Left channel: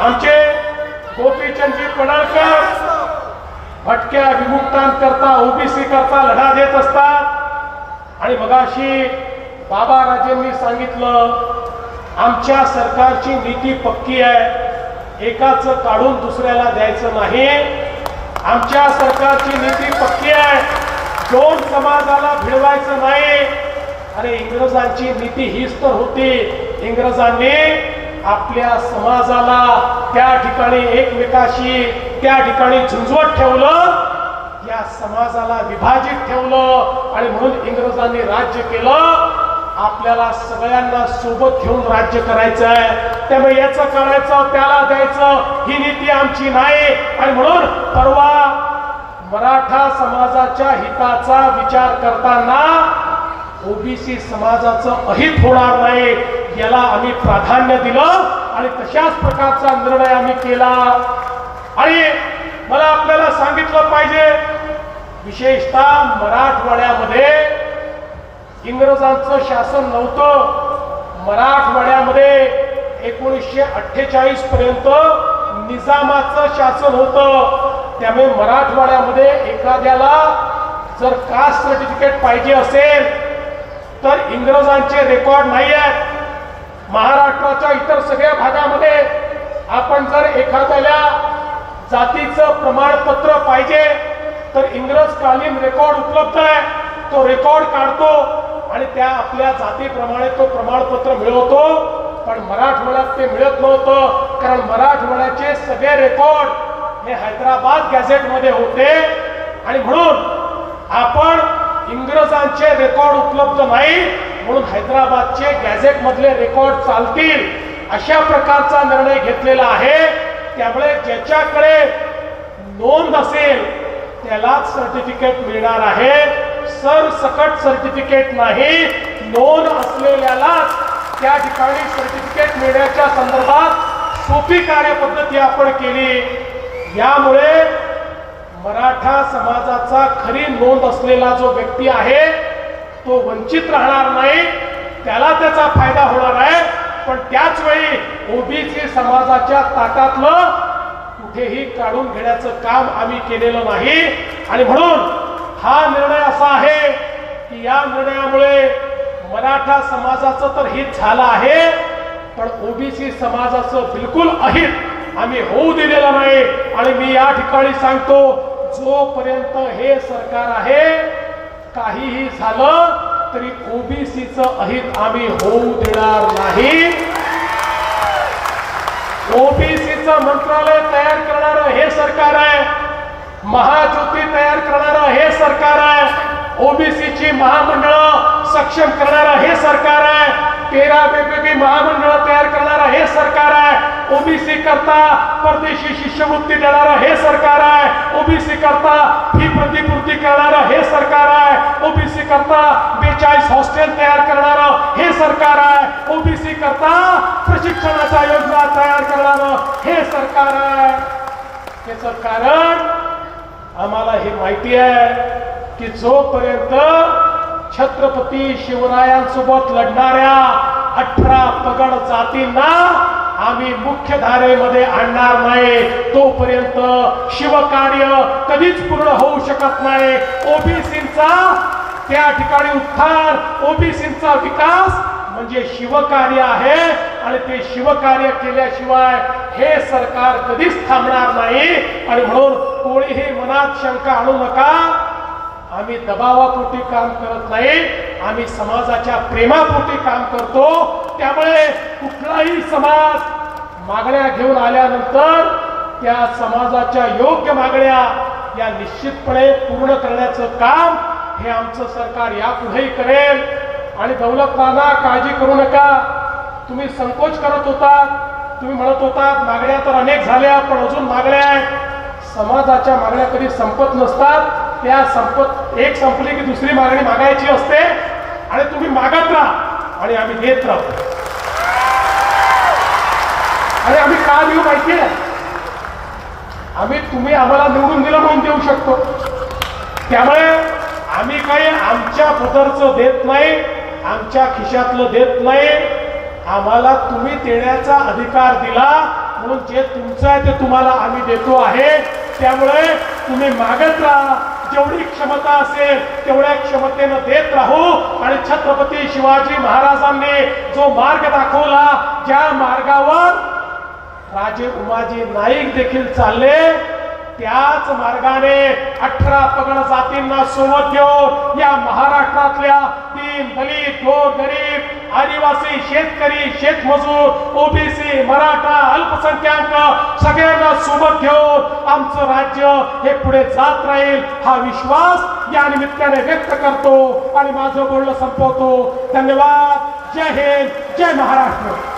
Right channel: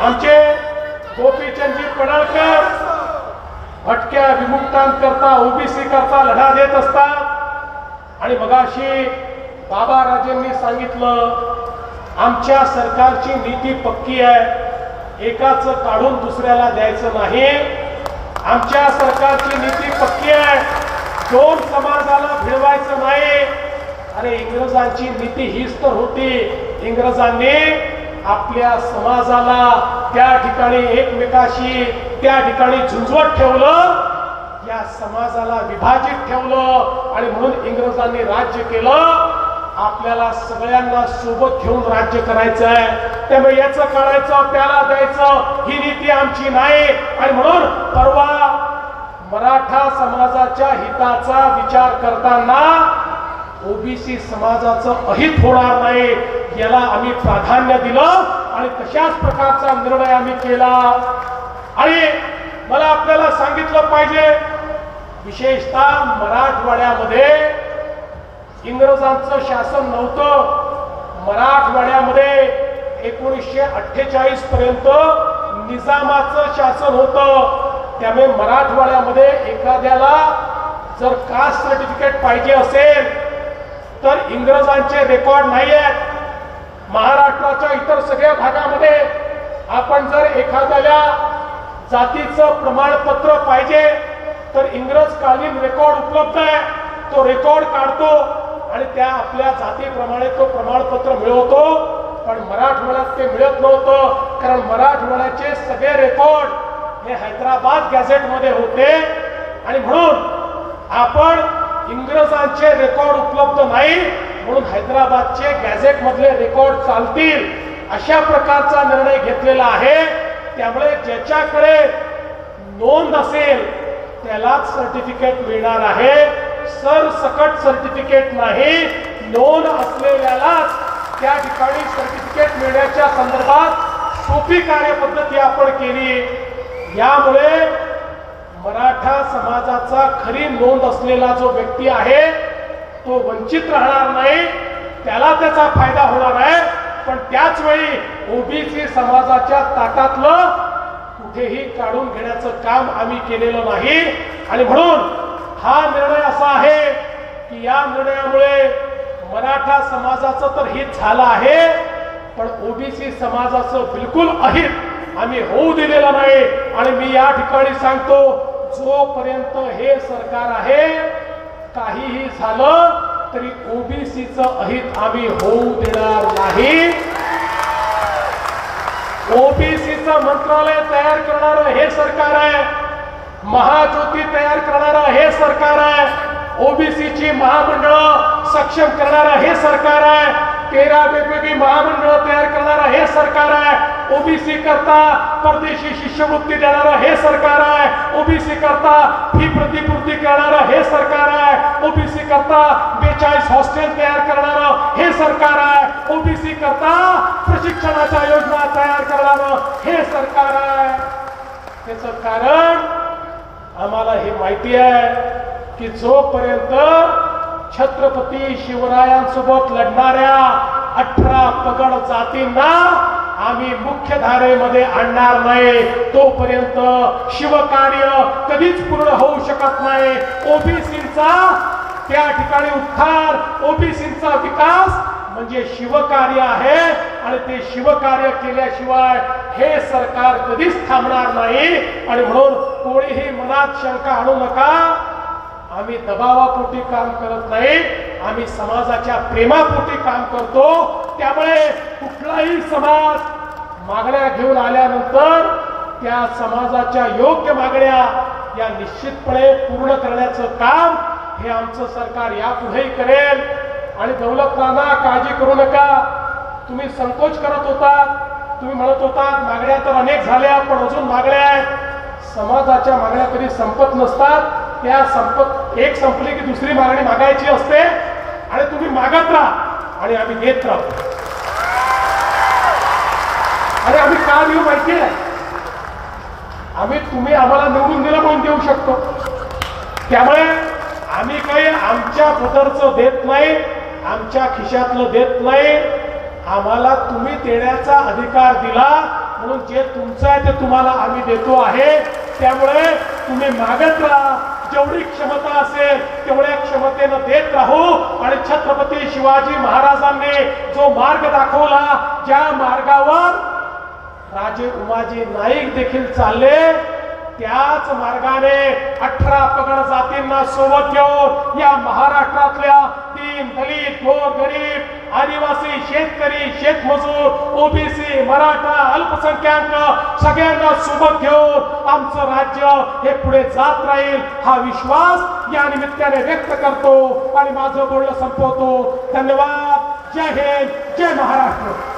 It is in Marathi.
आमचे गोपीचंदजी पडळकर भटक्या विमुक्तांकरता ओबीसी करता लढा देत असतात। आणि मगाशी बाबा राजेंनी सांगितलं आमच्या सरकारची नीती पक्की आहे, एकाचं काढून दुसऱ्याला द्यायचं नाही। आमच्या सरकारची नीती पक्की आहे, दोन समाजाला भिडवायचं नाही। आणि इंग्रजांची नीती हीच तर होती, इंग्रजांनी आपल्या समाजाला त्या ठिकाणी एकमेकाशी त्या ठिकाणी झुंजवत ठेवलं, या समाजाला विभाजित ठेवलं आणि म्हणून इंग्रजांनी राज्य केलं। आपल्याला सगळ्यांना सोबत घेऊन राज्य करायचं आहे, त्यामुळे याचं करायचं त्याला द्यायचं ही नीती आमची नाही। आणि म्हणून परवा मराठा समाजाच्या हिताचा विचार करताना ओबीसी समाजाचं अहित होणार नाही याला आम्ही प्राधान्य दिलं आणि तशाच प्रकारचा निर्णय आम्ही केला। आणि मला आपल्याला सांगितलं पाहिजे, विशेषतः मराठवाड्यामध्ये इंग्रजांचं शासन नव्हतं, मराठवाड्यामध्ये 1948 पर्यंत निजामाचं शासन होतं। त्यामुळे मराठवाड्यामध्ये एखाद्याला जर कास्ट सर्टिफिकेट पाहिजे असेल तर इंग्रजांचे रेकॉर्ड नाही आहेत। महाराष्ट्राच्या इतर सगळ्या भागामध्ये आपण जर एखाद्याला जातीचं प्रमाणपत्र पाहिजे तर इंग्रजकालीन रेकॉर्ड उपलब्ध आहे, तो रेकॉर्ड काढतो आणि त्या आपल्या जातीप्रमाणे तो प्रमाणपत्र मिळवतो। पण मराठवाड्यात ते मिळत नव्हतं, कारण मराठवाड्याचे सगळे रेकॉर्ड हे हैदराबाद गॅझेटमध्ये होते। आणि म्हणून आपण इंग्रजांचे रेकॉर्ड उपलब्ध नाही म्हणून हैदराबादचे गॅझेट मधले रेकॉर्ड चालतील अशा प्रकारचा निर्णय घेतलेला आहे। त्यामुळे ज्याच्याकडे नोंद असेल त्यालाच सर्टिफिकेट मिळणार आहे, सरसकट सर्टिफिकेट नाही। नोंद असलेल्यालाच त्या ठिकाणी सर्टिफिकेट मिळण्याच्या संदर्भात सोपी कार्यपद्धती आपण केली। यामुळे मराठा समाजाचा खरी नोंद असलेला जो व्यक्ती आहे तो वंचित राहणार नाही, त्याला त्याचा फायदा होणार आहे। पण त्याच वेळी ओबीसी समाजाच्या ताटातलं कुठेही काढून घेण्याचं काम आम्ही केलेलं नाही। आणि म्हणून हा निर्णय असा आहे की या निर्णयामुळे मराठा समाजाचं तर हित झालं आहे, पण ओबीसी समाजाचं बिलकुल अहित आम्ही होऊ दिलेलं नाही। आणि मी या ठिकाणी सांगतो, जोपर्यंत हे सरकार आहे काहीही झालं तरी ओबीसीचं अहित आम्ही होऊ देणार नाही। ओबीसीचं मंत्रालय तयार करणारं हे सरकार आहे, महाज्योती तयार करणारं हे सरकार आहे, ओबीसीची महामंडळं सक्षम करणारं हे सरकार आहे, 13 वेगवेगळी महामंडळं तयार करणारं हे सरकार आहे, ओबीसी करता परदेशी शिष्यवृत्ती देणारं हे सरकार आहे, ओबीसी करता फी प्रतिपूर्ती करणारं हे सरकार आहे, ओबीसी करता 42 हॉस्टेल तयार करणारं हे सरकार आहे, ओबीसी करता प्रशिक्षणाच्या योजना तयार करणारं हे सरकार आहे। याचं कारण आम्हाला हे माहिती आहे की जोपर्यंत छत्रपती शिवरायांसोबत लढणाऱ्या 18 पगड जातींना आम्ही मुख्य धारेमध्ये आणणार नाही तोपर्यंत शिवकार्य कधीच पूर्ण होऊ शकत नाही। ओबीसींचा त्या ठिकाणी उत्थान, ओबीसींचा विकास म्हणजे शिवकार्य आहे आणि ते शिवकार्य केल्याशिवाय हे सरकार कधीच थांबणार नाही। आणि म्हणून कोणीही मनात शंका आणू नका, आम्ही दबावापोटी काम करत नाही, आम्ही समाजाच्या प्रेमापोटी काम करतो। त्यामुळे कुठलाही समाज मागण्या घेऊन आल्यानंतर त्या समाजाच्या योग्य मागण्या या निश्चितपणे पूर्ण करण्याचं काम हे आमचं सरकार यापुढेही करेल। आणि दौलत नाना काळजी करू नका, तुम्ही संकोच करत होतात, तुम्ही म्हणत होतात मागण्या तर अनेक झाल्या पण अजून मागण्या आहेत। समाजाच्या मागण्या कधी संपत नसतात, त्या संपली की दुसरी मागणी मागायची असते आणि तुम्ही मागत राहा आणि आम्ही देत राहू। आणि आम्ही का देऊ माहिती आहे, आम्ही तुम्ही आम्हाला निवडून दिलं म्हणून देऊ शकतो। त्यामुळे आम्ही काही आमच्या पदरचं देत नाही, आमच्या खिशातलं देत नाही, आम्हाला तुम्ही देण्याचा अधिकार दिला म्हणून जे तुमचं आहे ते तुम्हाला आम्ही देतो आहे. त्यामुळे तुम्ही मागत राहा, जेवढी क्षमता असेल तेवढ्या क्षमतेनं देत राहू. आणि छत्रपती शिवाजी महाराजांनी जो मार्ग दाखवला, ज्या मार्गावर राजे उमाजी नाईक देखील चालले, त्याच मार्गाने 18 पगड जातींना सोबत घेऊन या महाराष्ट्रातल्या दीन दलित गोरगरीब आदिवासी शेतकरी शेतमजूर ओबीसी मराठा अल्पसंख्याक सगळ्यांना सोबत घेऊन आमचं राज्य हे पुढे जात राहील हा विश्वास या निमित्ताने व्यक्त करतो आणि माझं बोलणं संपवतो. धन्यवाद. जय हिंद, जय महाराष्ट्र.